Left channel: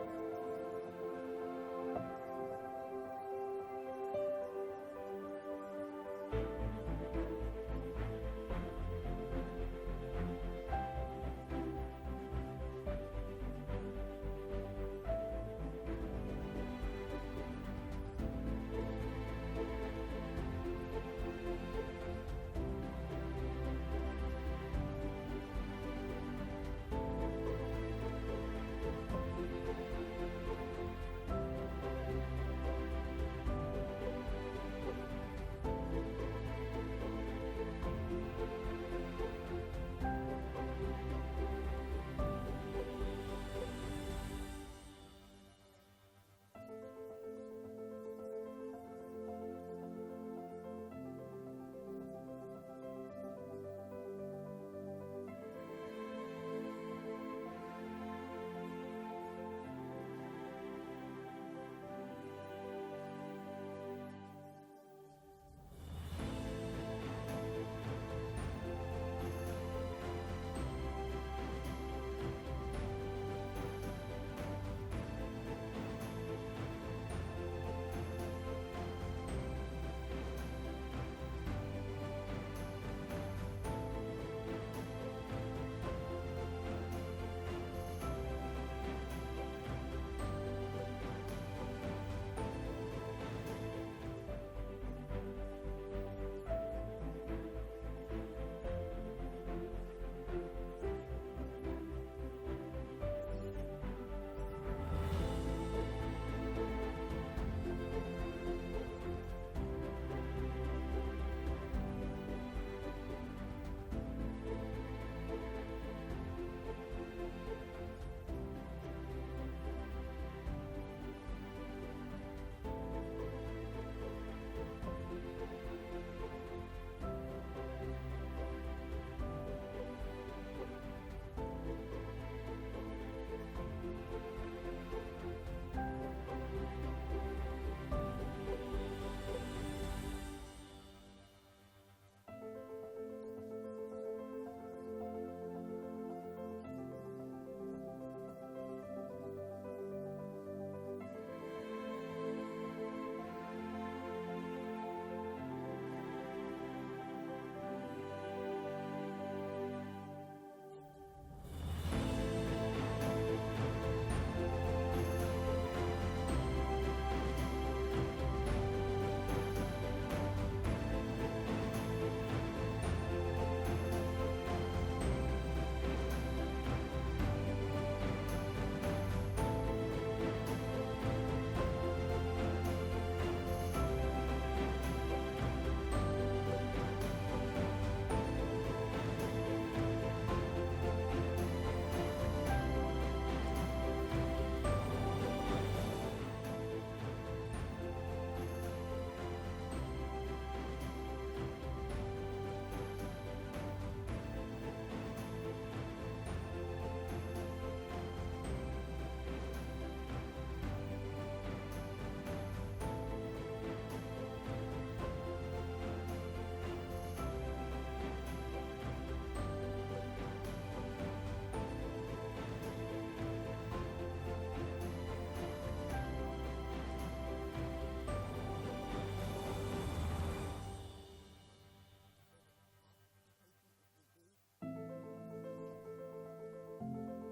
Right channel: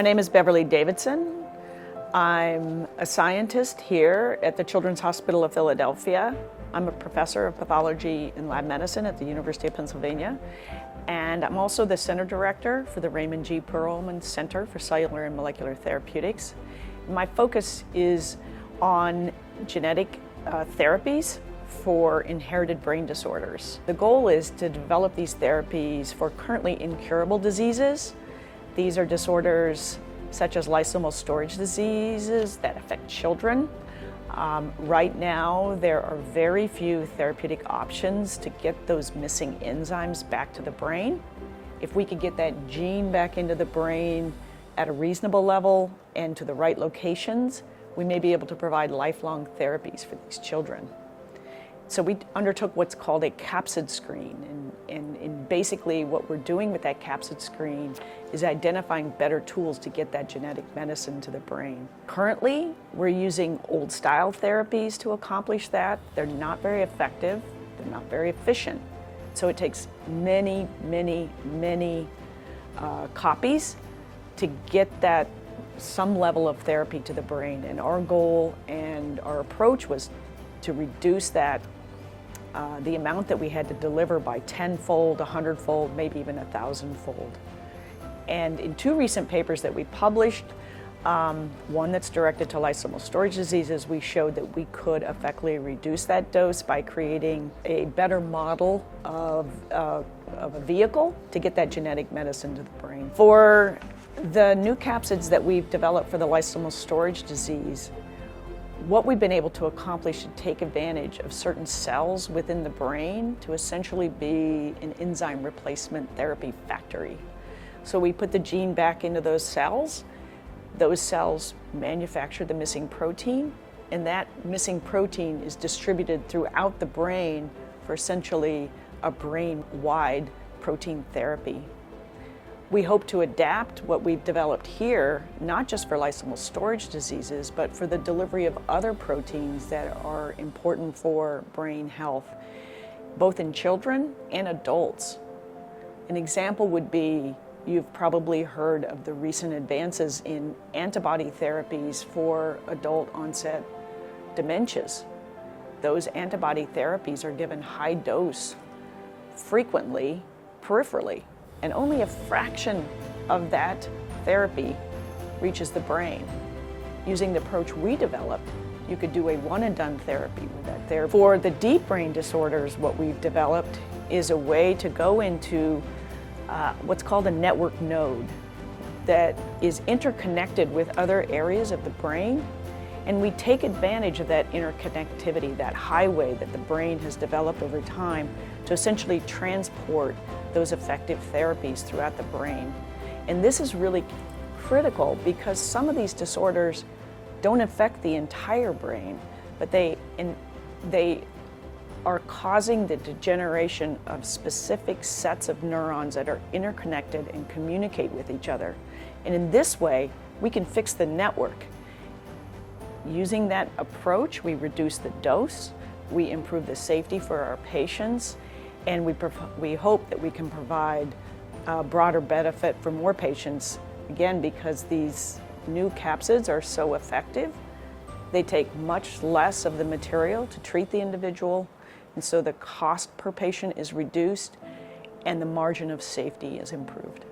My name is Beverly Davidson. I'm a scientist here at the Children's Hospital of Philadelphia. I'm a professor of pathology and lab medicine at the University of Pennsylvania. And I'm also the center director for the Raymond G. Perelman Center for Cellular and Molecular Therapeutics. My focus is on genetic therapies for inherited brain disorders. The goal is to develop these therapies for currently incurable diseases. These are disorders such as lysosomal storage diseases that affect children. Right now, there are very few therapeutic options to get those missing enzymes back to the brain. If we could get that gene back into the brain at a reasonable level and to the right locations, we may be able to provide lifelong therapies for these children. So we undertook what's called a capsid screen, and basically what we're doing with that capsid screen is identifying better tools to get that genetic medicine to the brain. Currently, we're using old-style therapies to accomplish that. They're not very effective, they're not very efficient. So it takes many copies to get that some level of therapy to the brain. And our goal and our approach was to reduce that the amount that we had to deliver by 10-fold, 100-fold, maybe even 1,000-fold. And in two recent papers that we published, one that's directed to lysosomal storage diseases, we showed that we could effectively reduce that dose by creating a better model of a vehicle to get that genetic medicine to the brain. For the new capsids that we've developed for the lysosomal storage disease, what we've been able to accomplish is take advantage of certain cells within the brain to essentially be an enzyme replacement therapy factory. So we put the gene back into those cells manufacture the missing protein, and that missing protein is distributed throughout the brain for essentially a brain-wide protein therapy. We hope to adapt what we've developed here, not just for lysosomal storage diseases, but for the delivery of other proteins that are important for brain health, both in children and adults. An example would be, you've probably heard of the recent advances in antibody therapies for adult onset dementias. Those antibody therapies are given high dose, frequently, peripherally. And only a fraction of that therapy reaches the brain. Using the approach we developed, you could do a one-and-done therapy with that therapy. For the deep brain disorders, what we've developed is a way to go into what's called a network node that is interconnected with other areas of the brain, and we take advantage of that interconnectivity, that highway that the brain has developed over time, to essentially transport those effective therapies throughout the brain. And this is really critical because some of these disorders don't affect the entire brain, but they are causing the degeneration of specific sets of neurons that are interconnected and communicate with each other. And in this way, we can fix the network. Using that approach, we reduce the dose, we improve the safety for our patients, and we hope that we can provide a broader benefit for more patients, again, because these new capsids are so effective. They take much less of the material to treat the individual, and so the cost per patient is reduced and the margin of safety is improved.